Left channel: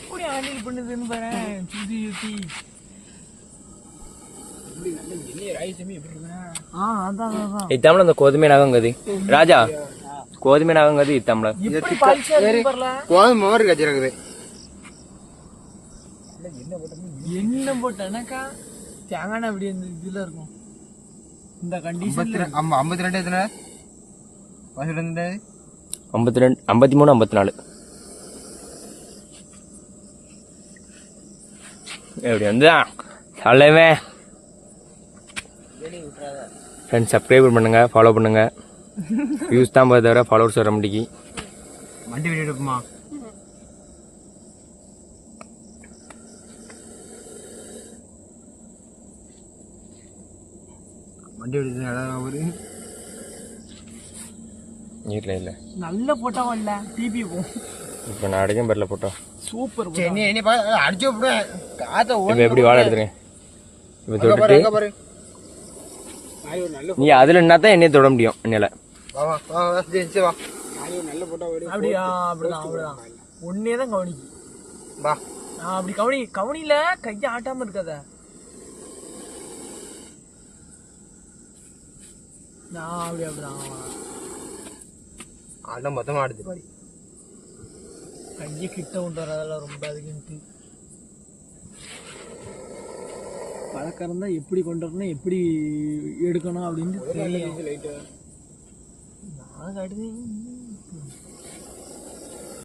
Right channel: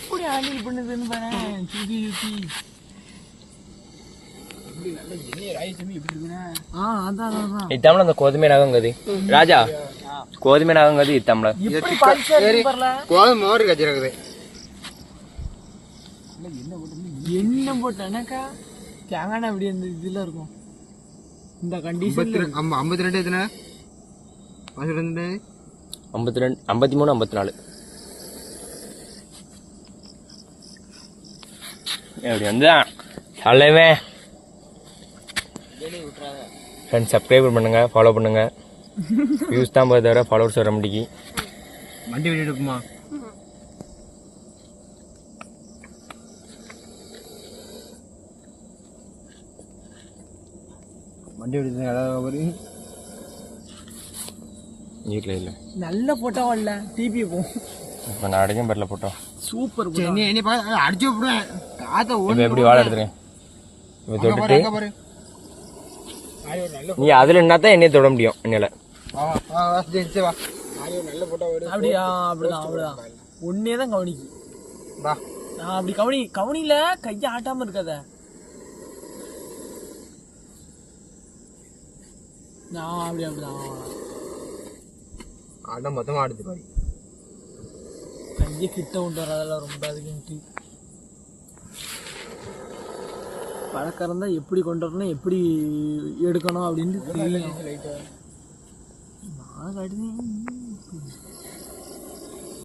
எப்படி ஹேண்டில் பண்ணுதுன்னு பாரு. சுத்தி சுத்தி இத்தமிழ் அந்த கோதுமை நகங்கதி ராஜா கோதுமை நகங்கதி இத்தமிழ கோதுமை ஒரு கட்சி இருக்குது. என்ன போட்டேனாக்கா தேங்காய் அப்படி அந்த இதுல இருக்கும். இந்த கண்டிஷன்ல 52 எத்தனை 52 52 53 54 எப்படி வந்து தலைவன். ஃப்ரெண்ட்ஸ் சப்ஸ்கிரைப் பண்ணுங்க, ஃபாலோ பண்ணுங்க. வியூஸ் தான் போய் தவிர ஃபாலோவர்ஸ் வர முடியும். வண்டி விட்டுமா வண்டி விடுறது வீட்டில் இல்லை நல்ல போட்டோ வரல டிபி போகும். இப்போ நான் அடிக்கும் பரல போட்டோ சூப்பர் அடிச்சு விடுவேன். இப்போ எப்படி வாழை எடுத்துறேன் இப்போ தொட்டுட்டு நீ அதில் என்ன தான் என்னைய தொட முடியும் என்னால. அப்படியா? அப்படிதான் அப்படிதான் ஒன்னே தான் கவனிக்கு. அப்படி கவனியில கையை ஆட்டாம இருக்காத. அப்படி அப்படிதான் ஆட்டம் மொத்தமா ஆடுது பாடி. கையை கிட்ட கொண்டு வரதெல்லாம் ரொம்ப அதுக்குன்ட்டு பழக்கம் இருந்தால் எப்படி கொண்டு வரணும் எப்படி எடுக்கணும் அப்படின்ட்டு தெரியும். நான் கடுது